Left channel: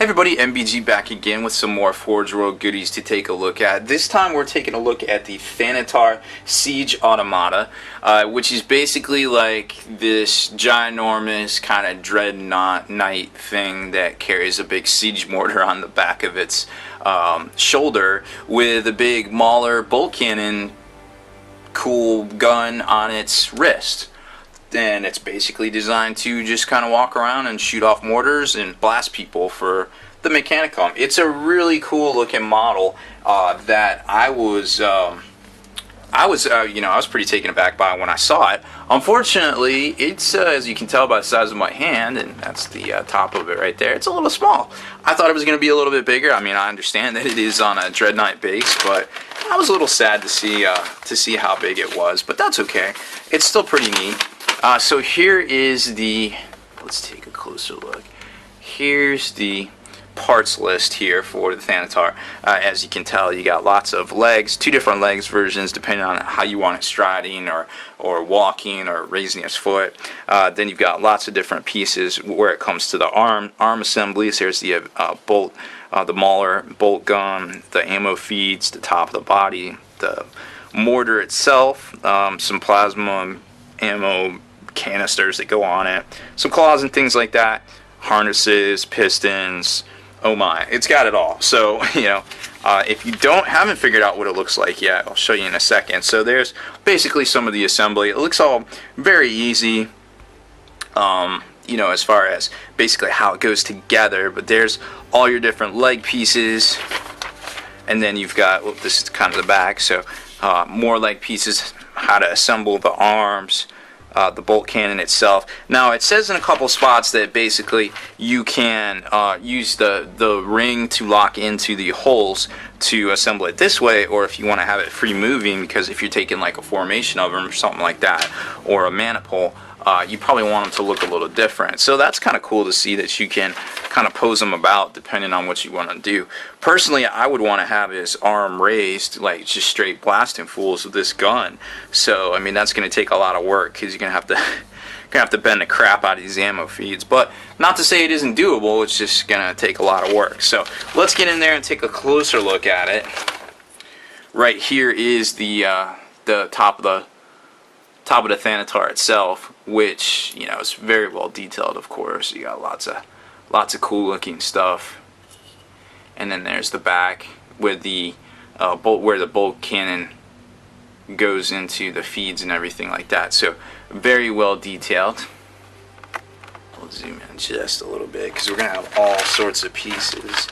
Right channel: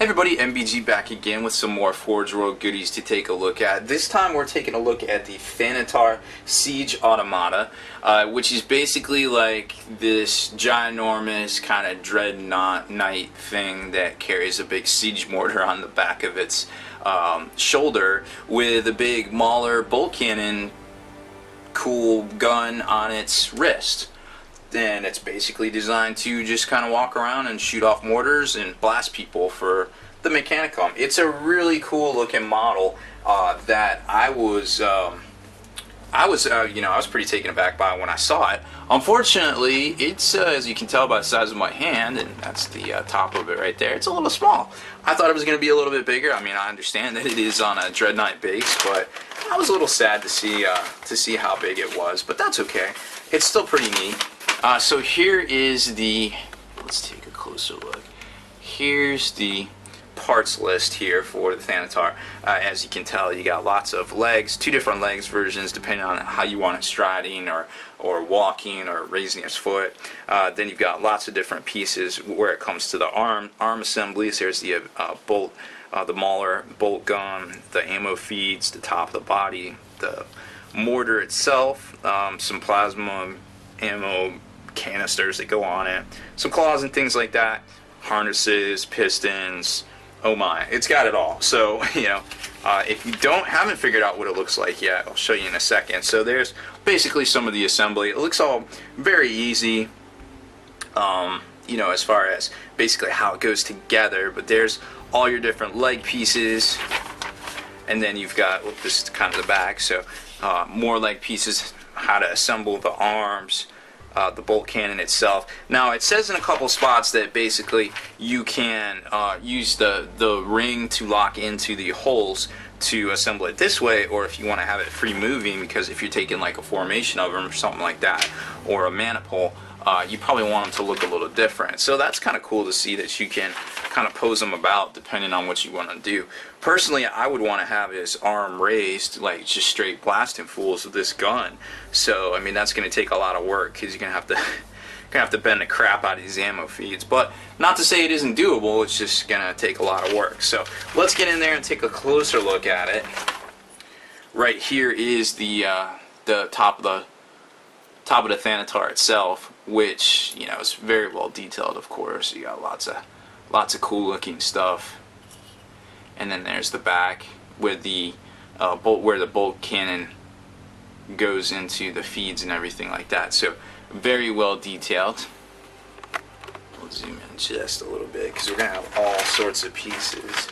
Hey everybody, MBG back again with some more Forge World goodies to take a look at. This time we're taking a look at the Thanatar Siege Automata, which is basically like this ginormous kind of dreadnought knight thing that carries a big siege mortar on the back of its shoulder with a big Mauler bolt cannon cool gun on its wrist. And it's basically designed to just kind of walk around and shoot off mortars and blast people for the Mechanicum. It's a really cool looking model that I was pretty taken aback by when I saw it. Unfortunately, it's as you can tell by the size of my hand, and that's the top of it right there, it's a little small. I thought it was going to be a little bit bigger. I mean, I understand that it is on a Dreadnought base, but I was a little sad to see how big it was, but that's okay. It's still pretty neat. So here is the, let's take a closer look. Here's the parts list here for the Thanatar. As you can tell, you got lots of legs, two different legs versions depending on how you want it striding or walking or raising its foot. Then you've got lots of different pieces where it comes to the arm assemblies. Here's the bolt, the Mauler bolt gun, the ammo feeds, the top of the body, the mortar itself, some plasma ammo canisters that go on it, some claws and things like that, harnesses, pistons. Oh my, it's got it all. So if you haven't figured out what it looks like yet, I'll show you in a second. So there's basically some of the assembly. It looks all very easy, as far as basically how it goes together, but there's all your different leg pieces, and then you've got, well, this is kind of the back, so more leg pieces, how to assemble the arms, the bolt cannon itself. Now it says in a couple spots that basically you can use the ring to lock into the holes to assemble it this way, or if you want to have it free moving, because if you're taking like a formation of them or something like that, or a maniple, you probably want them to look a little different. So that's kind of cool to see that you can kind of pose them about depending on what you want to do. Personally, I would want to have his arm raised, like just straight blasting fools with this gun. So I mean, that's going to take a lot of work because you're going to have to bend the crap out of these ammo feeds. But not to say it isn't doable, it's just going to take a lot of work. So let's get in there and take a closer look at it. Right here is the top of the Thanatar itself, which is very well detailed. Of course, you got lots of cool looking stuff. And then there's the back with the where the bolt cannon goes into the feeds and everything like that. So very well detailed. We'll zoom in just a little bit because we're gonna have all sorts of pieces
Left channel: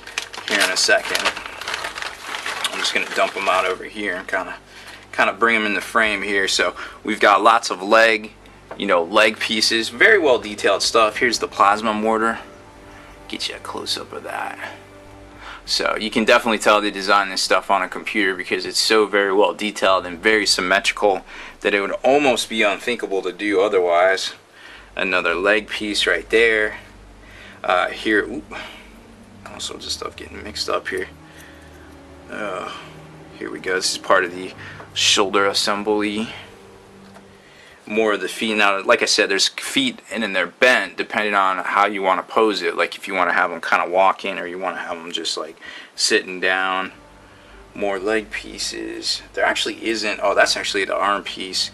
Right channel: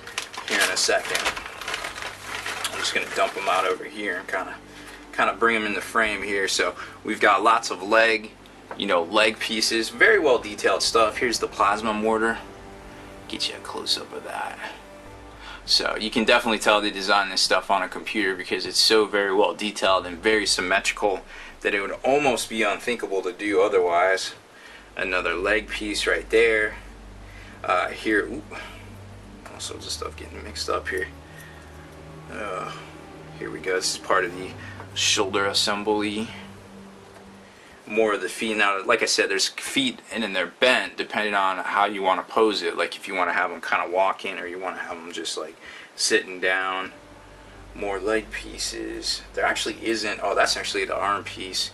here in a second. I'm just gonna dump them out over here and kind of bring them in the frame here. So we've got lots of leg pieces, very well detailed stuff. Here's the plasma mortar. Get you a close up of that. So you can definitely tell they designed this stuff on a computer because it's so very well detailed and very symmetrical that it would almost be unthinkable to do otherwise. Another leg piece right there. Here, all sorts of stuff getting mixed up here. Here we go. This is part of the shoulder assembly. More of the feet. Now, like I said, there's feet and then they're bent depending on how you want to pose it. Like if you want to have them kind of walking or you want to have them just like sitting down. More leg pieces. There actually isn't. Oh, that's actually the arm piece.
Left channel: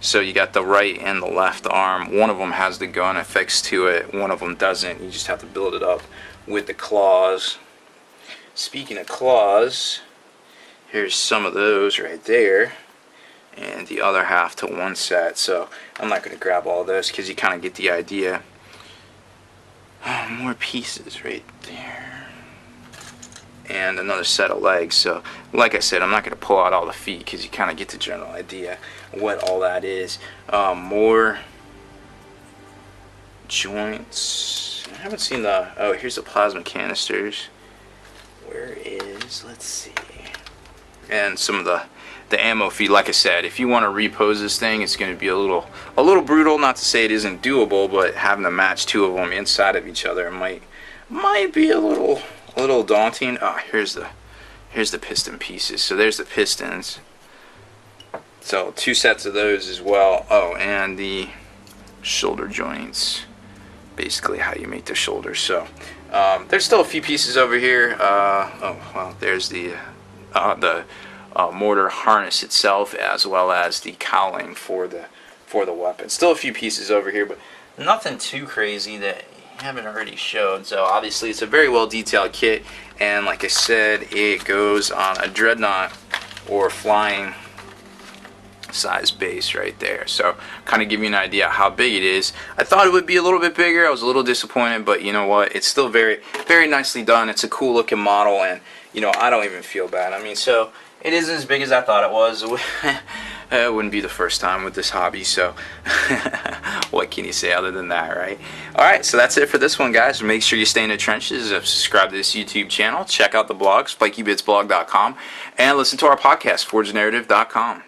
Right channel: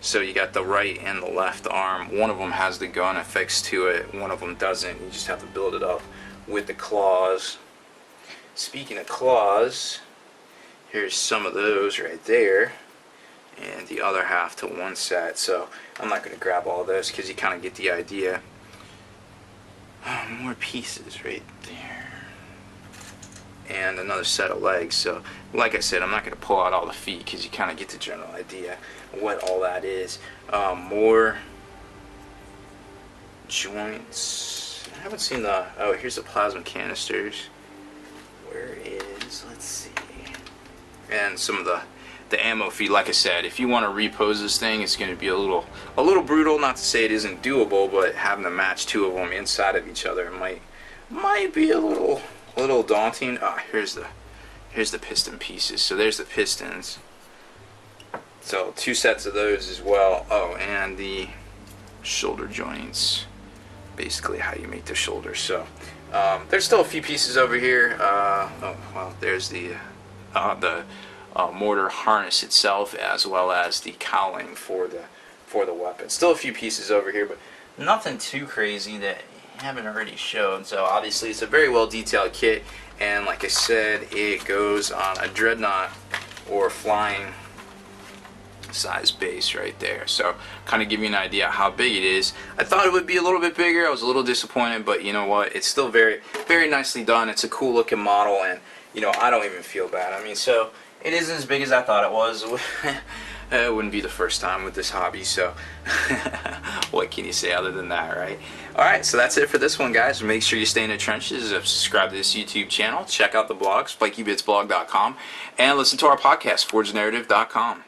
So you got the right and the left arm. One of them has the gun affixed to it. One of them doesn't. You just have to build it up with the claws. Speaking of claws, here's some of those right there. And the other half to one set. So I'm not going to grab all this because you kind of get the idea. Oh, more pieces right there. And another set of legs. So like I said, I'm not going to pull out all the feet because you kind of get the general idea what all that is. More joints. I haven't seen the, oh, here's the plasma canisters. Where is, let's see. And some of the ammo feed. Like I said, if you want to repose this thing, it's going to be a little brutal. Not to say it isn't doable, but having to match two of them inside of each other might be a little daunting. Here's the piston pieces. So there's the pistons. So two sets of those as well. Oh, and the shoulder joints basically how you make the shoulder. So there's still a few pieces over here. Oh well, there's the mortar harness itself, as well as the cowling for the weapon. Still a few pieces over here, but nothing too crazy that I haven't already showed. So obviously it's a very well detailed kit, and like I said, it goes on a dreadnought or flying size base right there. So kind of give you an idea how big it is. I thought it would be a little bit bigger. I was a little disappointed, but you know what, it's still very, very nicely done. It's a cool looking model, and you know, I don't even feel bad. I mean, so it isn't as big as I thought it was. It wouldn't be the first time with this hobby, so what can you say other than that, right? Alright, so that's it for this one, guys. Make sure you stay in the trenches, subscribe to this YouTube channel, check out the blog, spikybitsblog.com, and listen to our podcast, forgenarrative.com.